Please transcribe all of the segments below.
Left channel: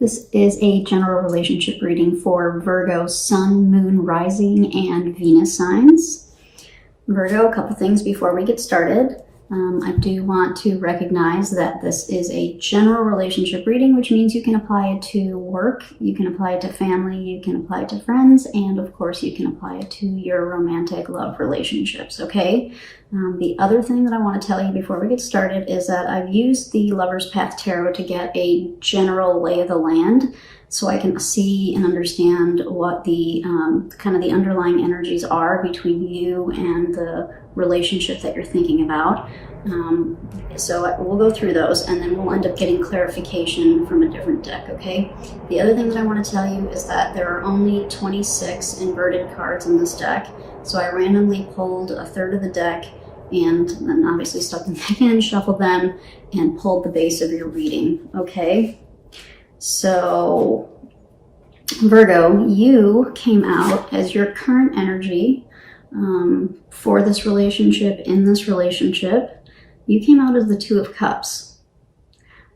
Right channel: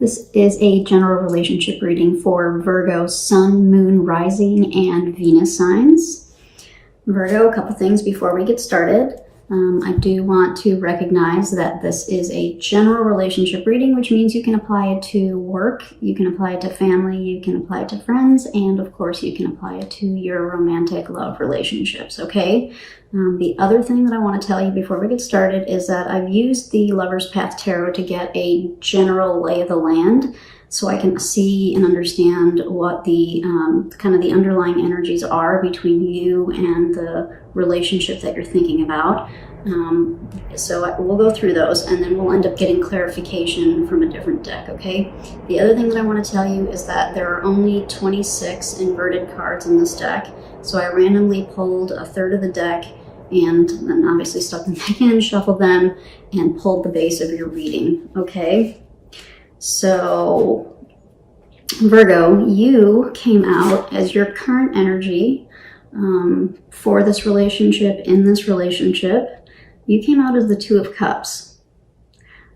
This is a general relationship reading for Virgo, Sun, Moon, Rising, and Venus signs. Virgo, a couple things before we get started. I do want to recognize that this is a general relationship reading, which means you can apply it to work, you can apply it to family, you can apply it to friends, and of course you can apply it to your romantic love relationships, okay? The other thing that I want to tell you before we get started is that I've used the Lover's Path Tarot to get a general lay of the land so I can see and understand what the kind of the underlying energies are between you and the relationship that you're thinking about. So we'll go through those and then we'll end up getting clarification from a different deck, okay? The other thing that I want to tell you is that there are only 26 inverted cards in this deck. So I randomly pulled a third of the deck and then obviously stuck them back in, shuffled them, and pulled the base of your reading, okay? So, Virgo, you came out as your current energy for this relationship, in this relationship. You came out as the Two of Cups.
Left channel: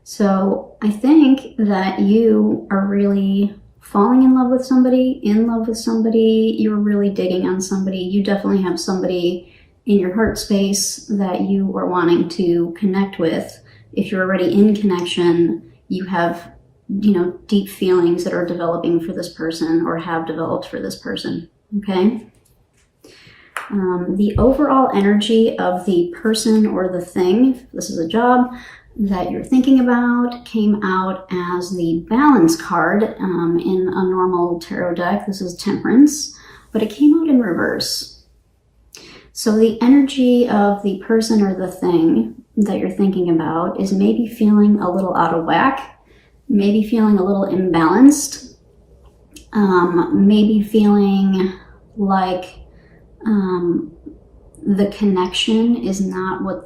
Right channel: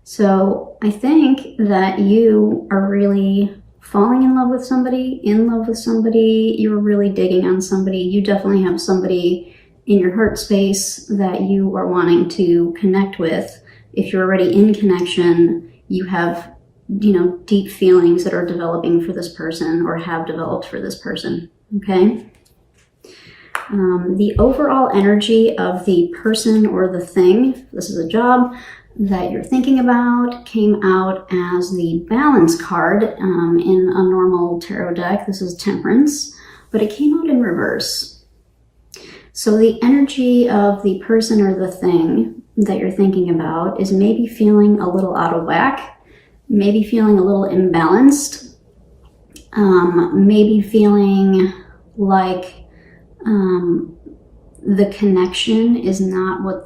So, I think that you are really falling in love with somebody, you're really digging on somebody. You definitely have somebody in your heart space that you are wanting to connect with. If you're already in connection, you have, deep feelings that are developing for this person or have developed for this person, okay? The overall energy of the person or the thing, this is a job that you're thinking about, came out as the Balance card in a normal tarot deck. This is Temperance, but it came out in reverse. So the energy of the person or the thing that you're thinking about is maybe feeling a little out of whack, maybe feeling a little imbalanced, maybe feeling like the connection is not what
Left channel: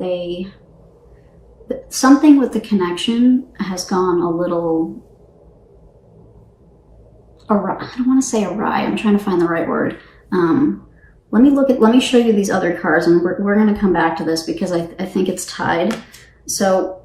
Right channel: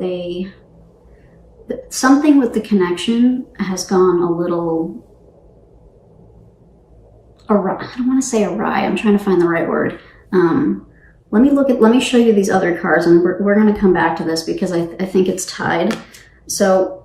something with the connection has gone a little awry. I don't want to say awry, I'm trying to find the right word. Let me show you these other cards, and we're going to come back to this because I think it's tied. So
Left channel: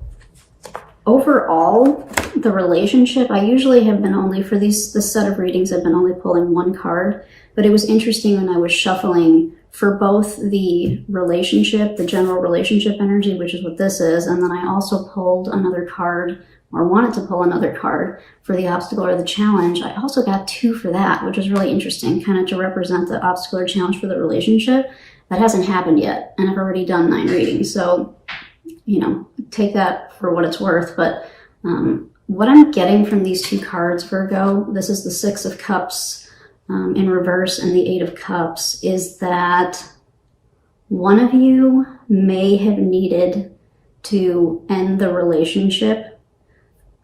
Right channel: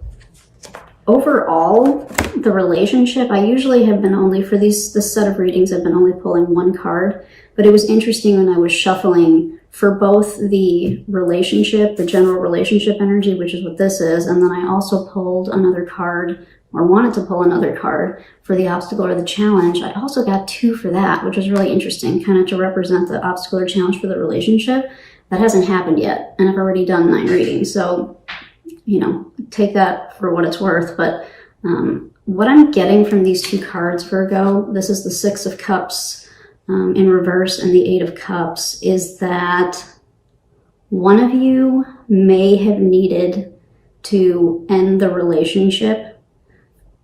overall, the relationship, I usually have been only, for this set of readings, I've been only pulling one card, but it was interesting when I was shuffling for both the relationship, the general relationship energy, which is what this is, and then I also pulled another card, or wanted to pull another card for the obstacle or the challenge. I also got two for that, which is really interesting, kind of to represent the obstacle or challenge for the relationship. That hasn't happened yet, and I've already done 9 readings, so, take that for what it's worth. But what I'm getting from these two cards, Virgo, this is the Six of Cups in reverse and the Eight of Cups, is that one of you may have needed to end the relationship,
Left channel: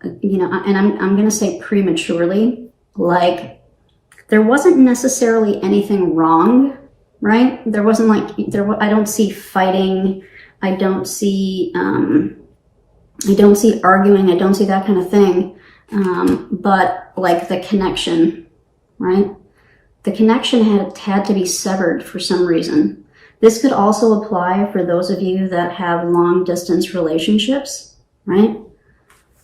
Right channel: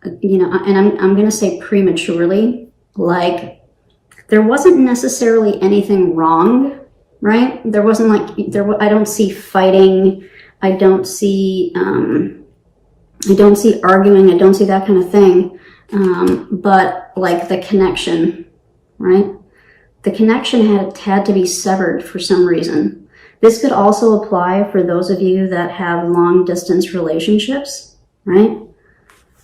and I'm going to say prematurely. Like, there wasn't necessarily anything wrong, right? There wasn't I don't see fighting, I don't see arguing, I don't see that kind of thing, but like the connection, right? The connection had to be severed for some reason. This could also apply for those of you that have long distance relationships, right?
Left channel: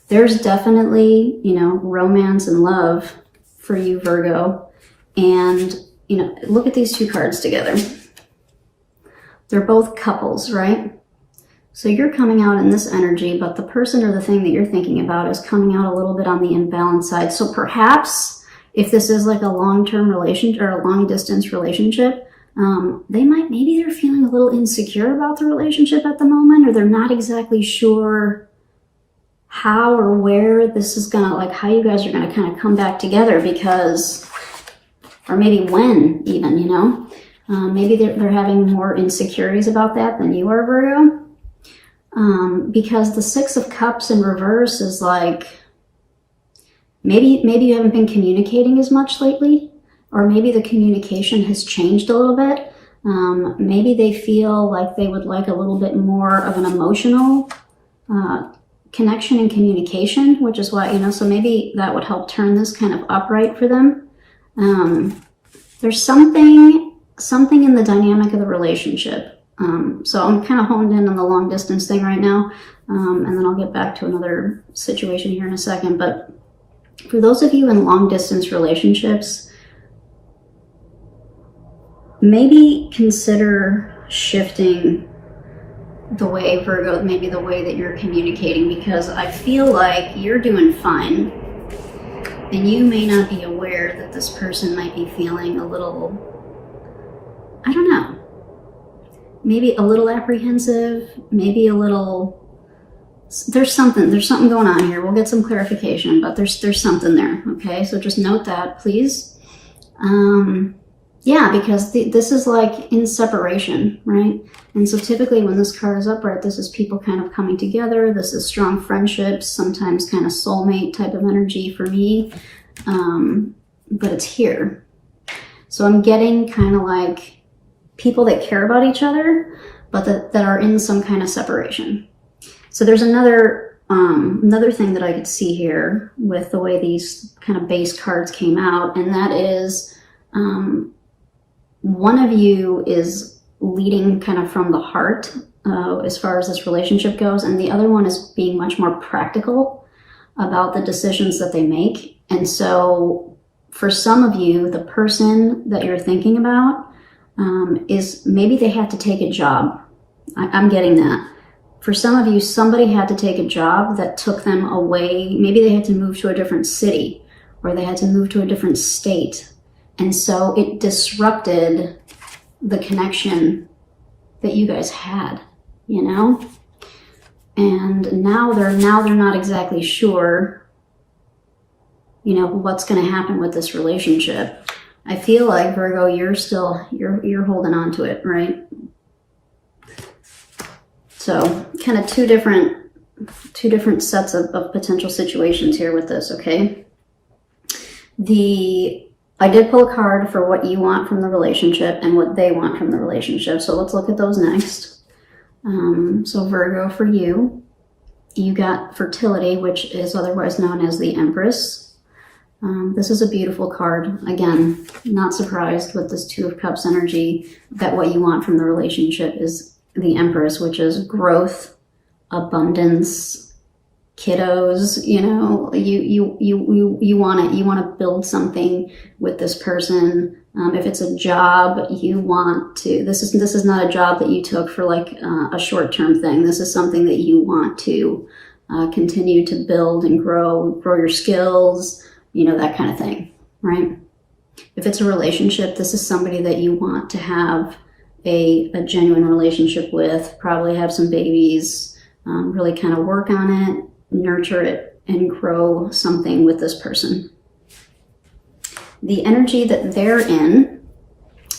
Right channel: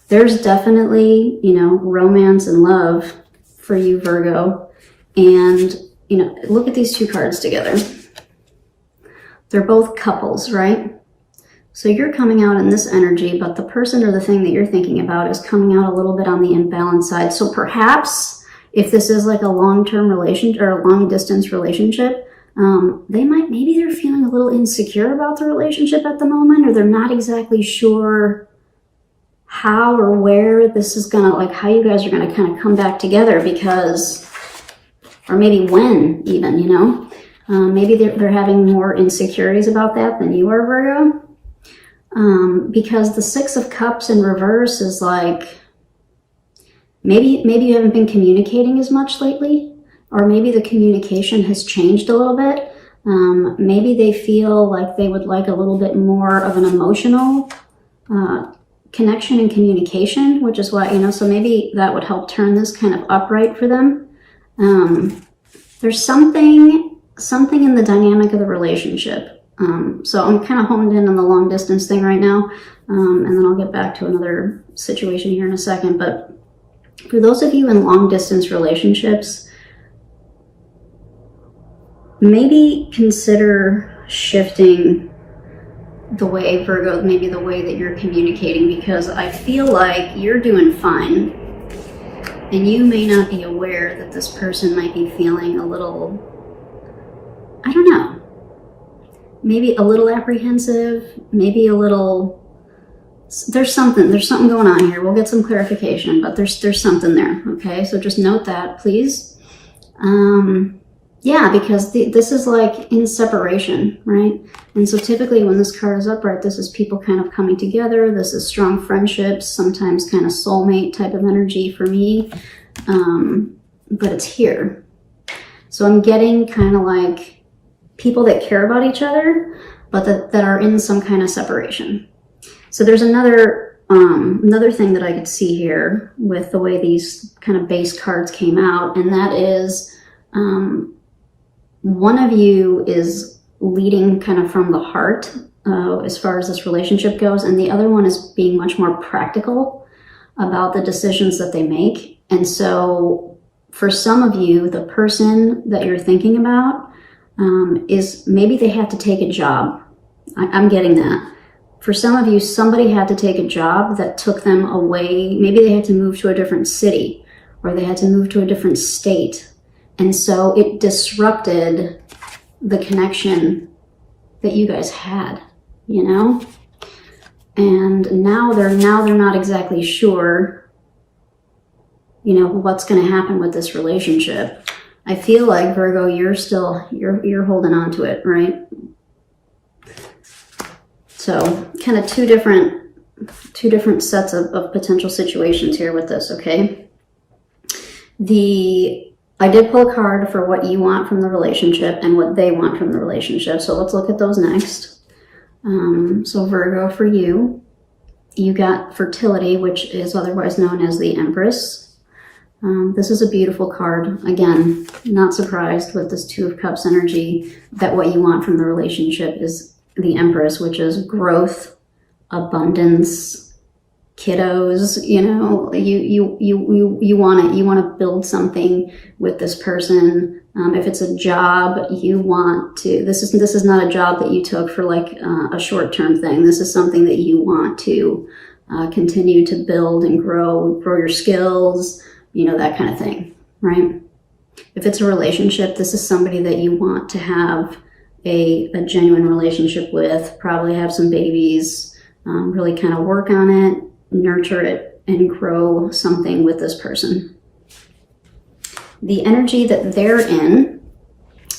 There's definitely, romance and love for you, Virgo. And, look at these two cards together. They're both couples, right? So you're coming out in this energy, but the person or the thing that you're thinking about is coming out a little bit on the imbalanced side. So perhaps if this is like a long-term relationship or a long-distance relationship, maybe they're feeling a little insecure about the relationship at the moment, or they're not exactly sure how or where this is gonna, like how you guys are gonna kind of come back together, because, or maybe when even, maybe they're having more insecurities about that than you are, Virgo. Because the Six of Cups in reverse is like, maybe you haven't been communicating as much lately, or maybe the communication has changed a little bit. Maybe they feel like they would like a little bit more of an emotional connection and communication, which is what, so maybe that would help turn this kind of upright for them. There's something in the dynamic of the relationship. So I'm kind of honed in on the long distance thing right now, and then I'll get back to another situation here in a second. But For those of you in long distance relationships, maybe consider shifting the way, Virgo, maybe the way that you're communicating, because I feel like you're doing fine and you may not be aware that this person might be feeling a little, I don't know, maybe a little apprehensive, maybe a little, there's something going on here. We'll get some clarification, but there's something there. Okay, so just note that, please. Yeah, because this is like in separation, right? And so typically when this card is upright, this is people kind of coming together. This is strong friendships, sometimes kind of soulmate type of energy for me. But it's here. So I'm getting kind of like people that care about each other, but that are in some kind of separation. So there's another thing that I could see here with the way these kind of base cards came out, and that is one of you is leading kind of from the heart as far as this relationship goes, and the other one is being much more practical about the decisions that they make. And so for some of you, the person that you're thinking about is maybe they had to take a job. I'm getting that. For some of you, somebody had to take a job that took them away. Maybe they had to move to a different city or they had to move to a different state. And so it disrupted the connection that you guys had, you know? And now they're not exactly sure, you know, what's going to happen with this relationship. I feel like, Virgo, you're holding on to it, right? So kind of two different sets of potential situations here with this, okay? I did pull a card for what you want from the relationship and what they want from the relationship. So let's look at those next. So Virgo, for you, you got fertility, which is otherwise known as the Empress. This is a beautiful card. Again, not surprised with this Two of Cups energy that what you want from the relationship is the Empress, which is growth, abundance, kiddos. You know, you want to build something with this person. If it's a job, you want to. This is not a job that you took for like a short-term thing. This is something that you want to continue to build and grow your skills. You know, that kind of thing, right? If it's a relationship, this is somebody that you want to have a genuine relationship with, probably have some babies, really kind of work on it, nurture it, and grow something with this person. The energy that they're in,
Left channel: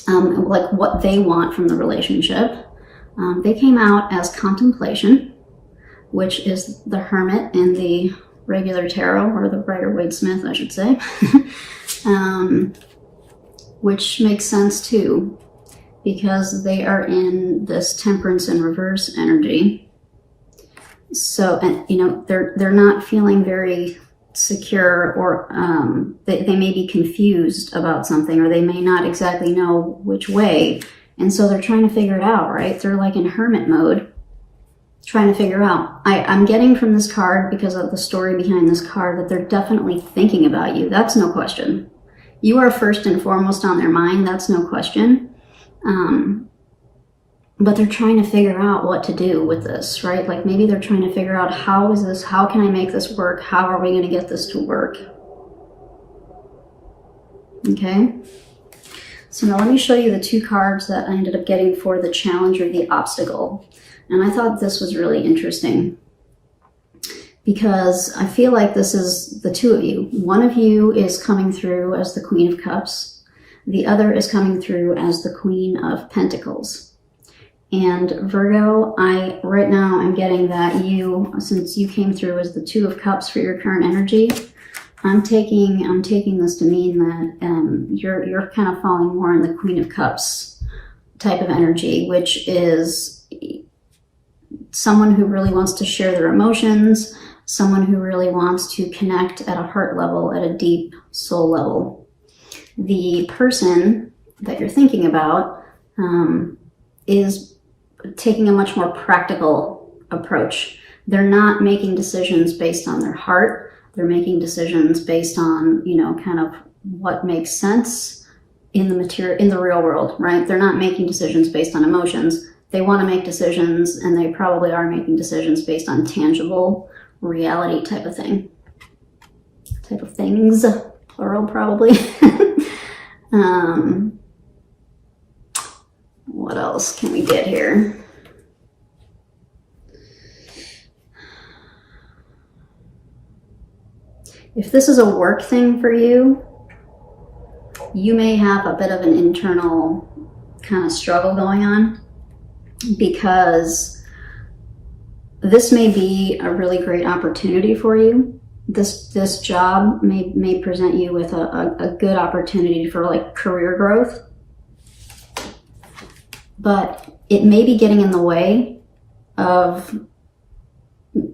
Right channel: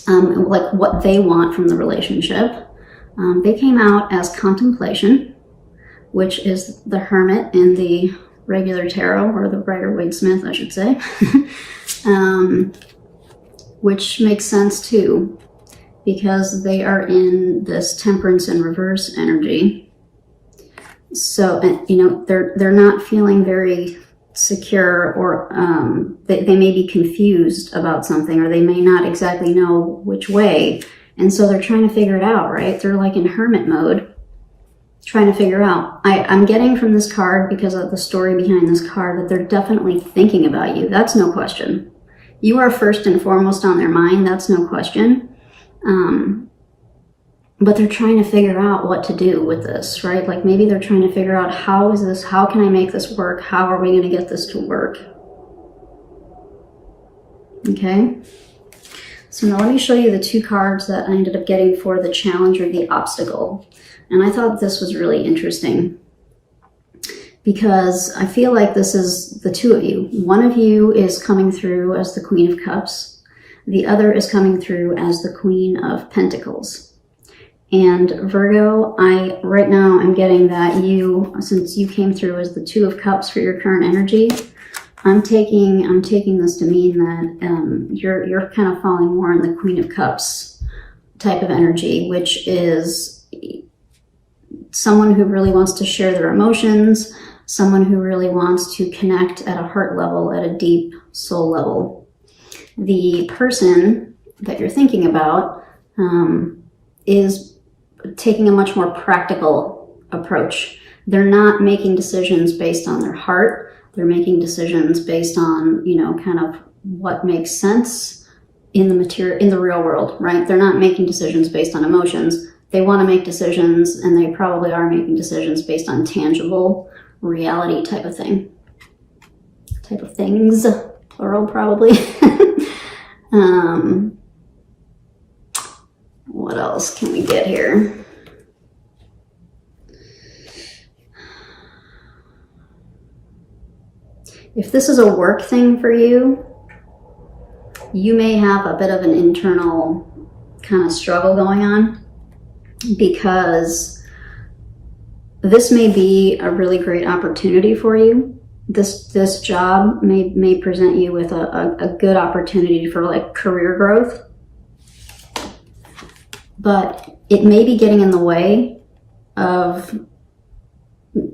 like what they want from the relationship, they came out as contemplation, which is the Hermit in the regular tarot, or the Rider-Waite-Smith, I should say, which makes sense too, because they are in this Temperance in reverse energy. So, you know, they're not feeling very secure, or they may be confused about something, or they may not exactly know which way. And so they're trying to figure it out, right? They're like in hermit mode, trying to figure out. I'm getting from this card, because of the story behind this card, that they're definitely thinking about you. That's no question. You are first and foremost on their mind. That's no question. But they're trying to figure out what to do with this, right? Like maybe they're trying to figure out, how can I make this work? How are we going to get this to work? Okay. So now let me show you the two cards that I ended up getting for the challenge or the obstacle. And I thought this was really interesting, because I feel like this is the two of you. One of you is coming through as the Queen of Cups. The other is coming through as the Queen of Pentacles. And Virgo, right now I'm getting that since you came through as the Two of Cups for your current energy, I'm taking this to mean that you're kind of falling more in the Queen of Cups type of energy, which is someone who really wants to share their emotions, someone who really wants to connect at a heart level, at a deep soul level. The person that you're thinking about is taking a much more practical approach. They're not making decisions based on their heart. They're making decisions based on, you know, kind of what makes sense in the real world, right? They're not making decisions based on emotions. They want to make decisions, and they probably are making decisions based on tangible reality type of thing. Type of things, plural probably. What else can we get here? If this is a work thing for you, you may have a bit of an internal kind of struggle going on, because this may be a really great opportunity for you. This job may present you with a good opportunity for like career growth, but it may be getting in the way of,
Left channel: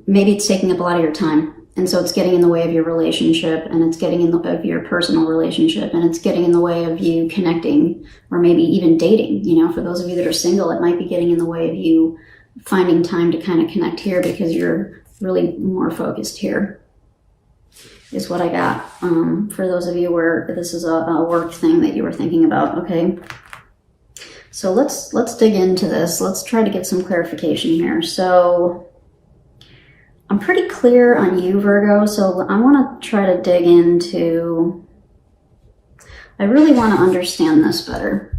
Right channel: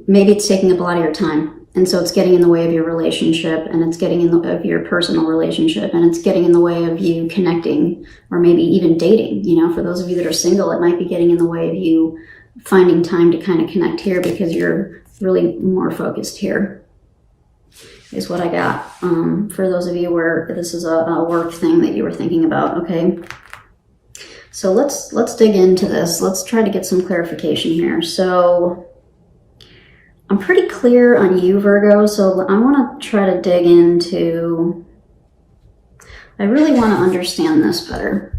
maybe it's taking up a lot of your time. And so it's getting in the way of your relationship, and it's getting in the way of your personal relationship, and it's getting in the way of you connecting, or maybe even dating. You know, for those of you that are single, it might be getting in the way of you finding time to kind of connect here, because you're really more focused here, is what I got. For those of you where this is a work thing that you were thinking about, okay? So let's dig into this. Let's try to get some clarification here. So I'm pretty clear on you, Virgo, so I want to try to dig into, I really want to understand this better.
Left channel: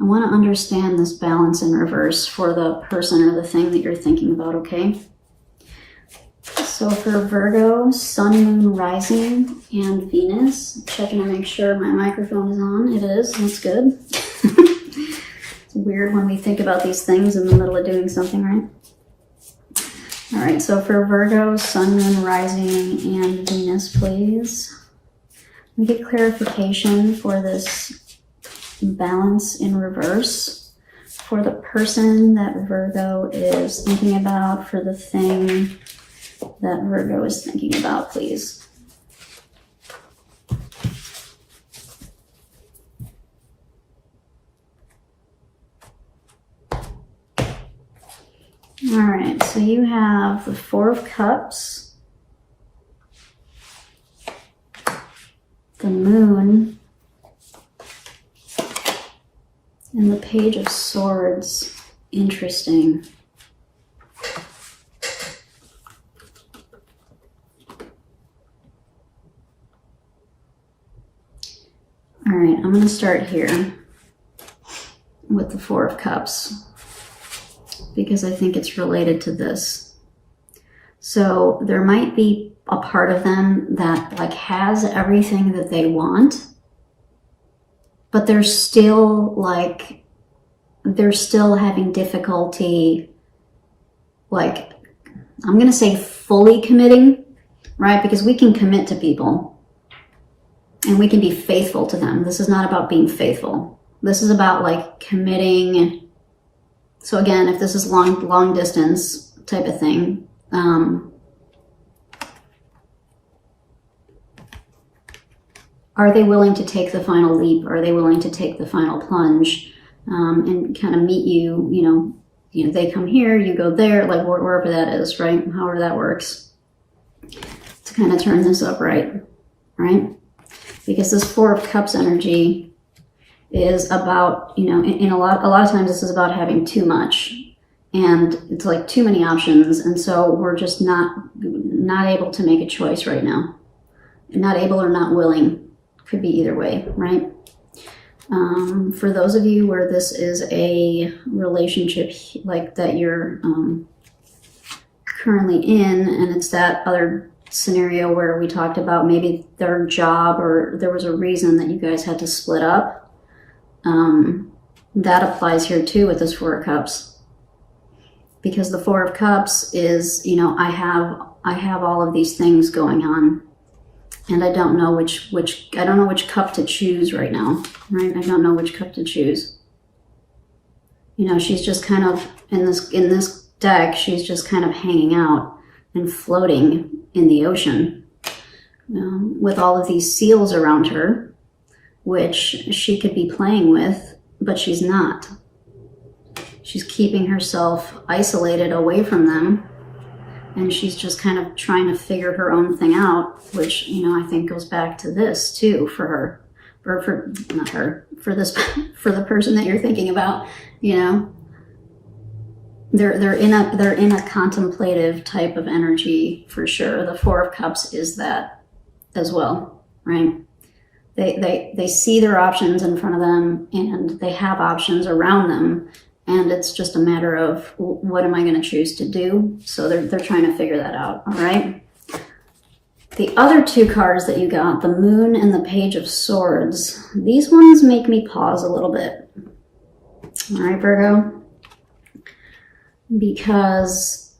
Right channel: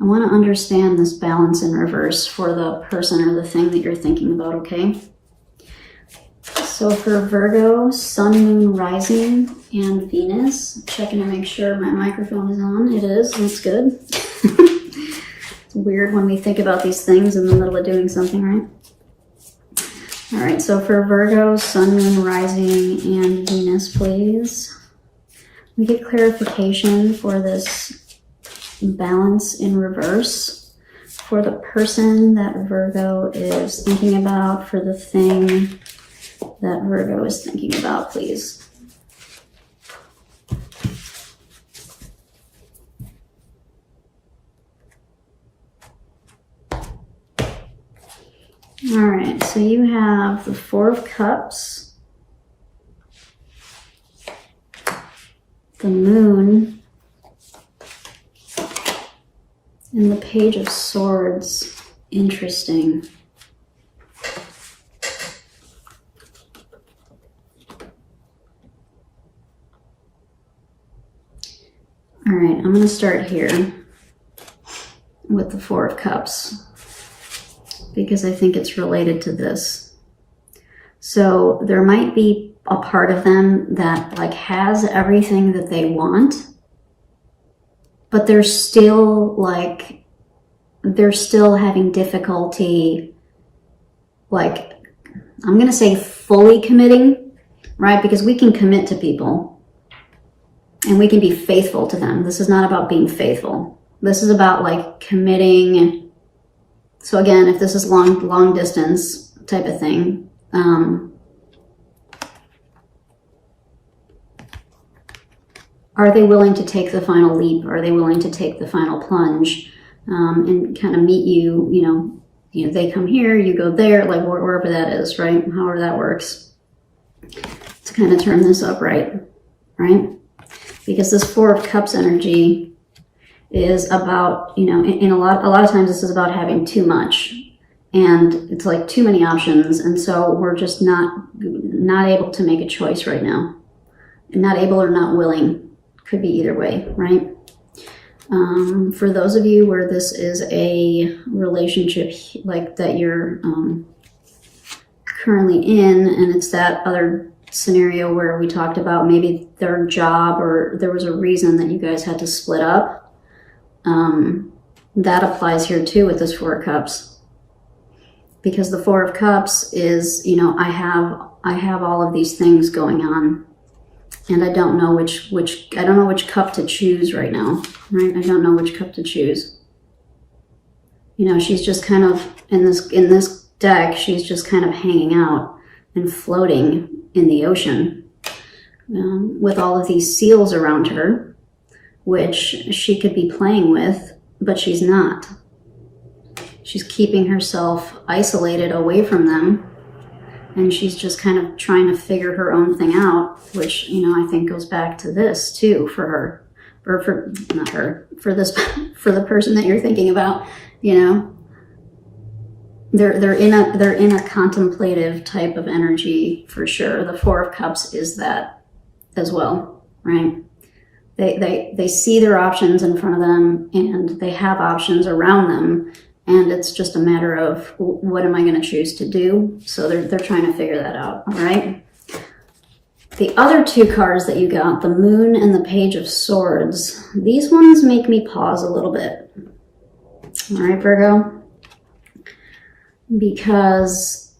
I want to understand this balance in reverse for the person or the thing that you're thinking about, okay? So for Virgo, Sun, Moon, Rising, and Venus, checking to make sure my microphone is on. It is, that's good. It's weird when we think about these things in the middle of doing something, right? All right, so for Virgo, Sun, Moon, Rising, and Venus, please. We get clarification for this balance in reverse for the person that Virgo is thinking about, for the thing that Virgo is thinking about, please. All right, so you have the Four of Cups, the Moon, and the Page of Swords. Interesting. All right, I'm going to start here with the Four of Cups, because I think it's related to this. So there might be a part of them that like has everything that they want, but they're still having difficulty, like, I'm gonna say fully committing, right? Because we can commit to people and we can be faithful to them. This is not about being faithful. This is about like committing. So again, if this is long distance type of thing, are they willing to take the final leap? Are they willing to take the final plunge and kind of meet you? You know, they come here, you go there, like wherever that is, right? However that works, to kind of turn this up, right? Because this Four of Cups energy is about, you know, in a lot of times this is about having too much, and it's like too many options, and so we're just not able to make a choice right now. Not able or not willing, could be either way, right? For those of you where this is a relationship like that you're currently in, and it's that other scenario where we talked about maybe their job, or there was a reason that you guys had to split up, that applies here too with this Four of Cups, because the Four of Cups is, you know, I have all of these things going on, and I don't know which cup to choose right now, right? I don't know which cup to choose. You know, she's just kind of in this deck, she's just kind of hanging out and floating in the ocean with all of these seals around her, which she could be playing with, but she's not. She's keeping herself isolated away from them and she's just kind of trying to figure her own thing out, which, you know, I think goes back to this too for her, or for not her, for this, for the person that you're thinking about. You know, they're in a contemplative type of energy for sure. The Four of Cups is that as well, right? They see their options in front of them, and they have options around them, and it's just a matter of what am I going to choose to do. So they're trying to figure that out. All right. The other two cards that you got, the Moon and the Page of Swords, these ones make me pause a little bit. All right, Virgo, because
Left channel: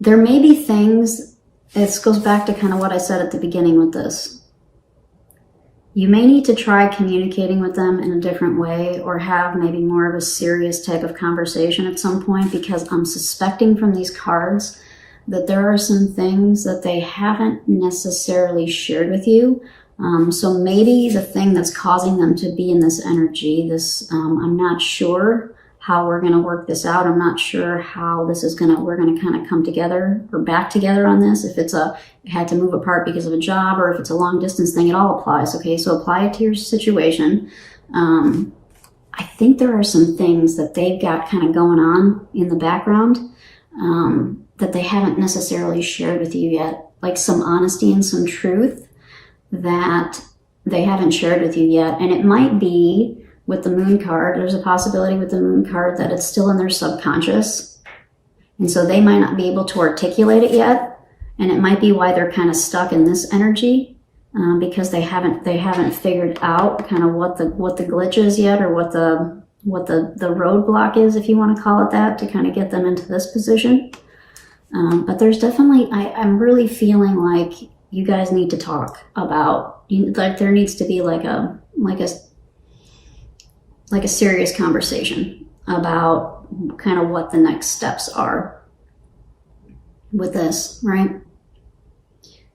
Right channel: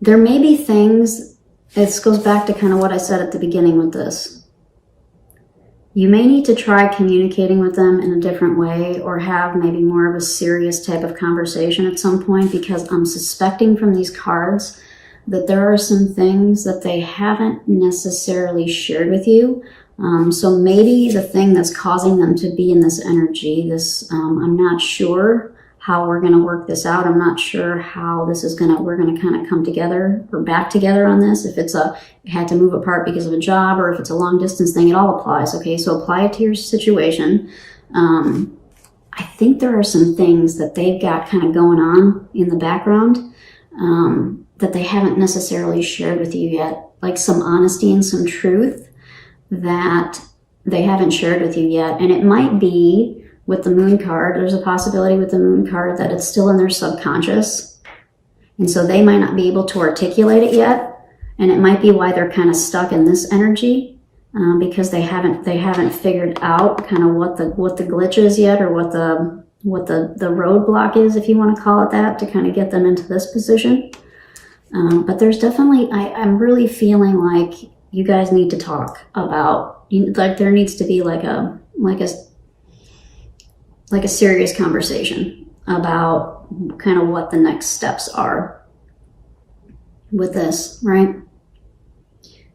there may be things. This goes back to kind of what I said at the beginning with this. You may need to try communicating with them in a different way, or have maybe more of a serious type of conversation at some point, because I'm suspecting from these cards that there are some things that they haven't necessarily shared with you. So maybe the thing that's causing them to be in this energy, I'm not sure how we're going to work this out. I'm not sure how this is we're going to kind of come together or back together on this. If it had to move apart because of a job, or if it's a long distance thing, it all applies. Okay, so apply it to your situation. I think there are some things that they've got kind of going on in the background that they haven't necessarily shared with you yet, like some honesty and some truth that they haven't shared with you yet. And it might be with the Moon card, there's a possibility with the Moon card that it's still in their subconscious. And so they might not be able to articulate it yet. And it might be why they're kind of stuck in this energy, because they haven't figured out kind of what the glitch is yet, or what the roadblock is, if you want to call it that, to kind of get them into this position. But there's definitely, I'm really feeling like you guys need to talk about, like there needs to be like a serious conversation about kind of what the next steps are with this, right?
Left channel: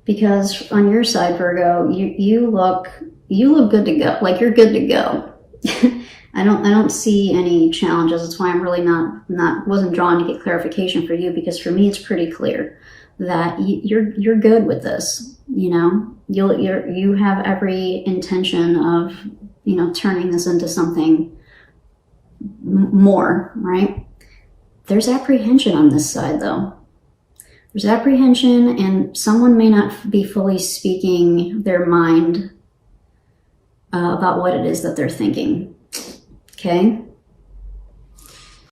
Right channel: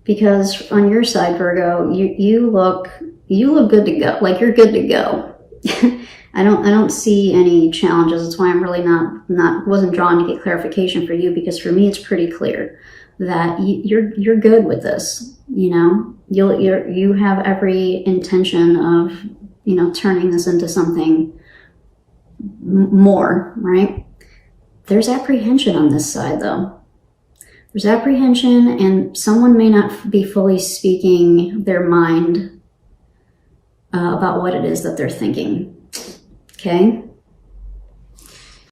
Because on your side, Virgo, you look good to go. Like you're good to go. I don't see any challenges. That's why I'm really wasn't drawn to get clarification for you, because for me it's pretty clear that you're good with this. You know, you have every intention of, you know, turning this into something more, right? There's apprehension on this side though. There's apprehension, and someone may not be fully speaking their mind about what it is that they're thinking. Okay?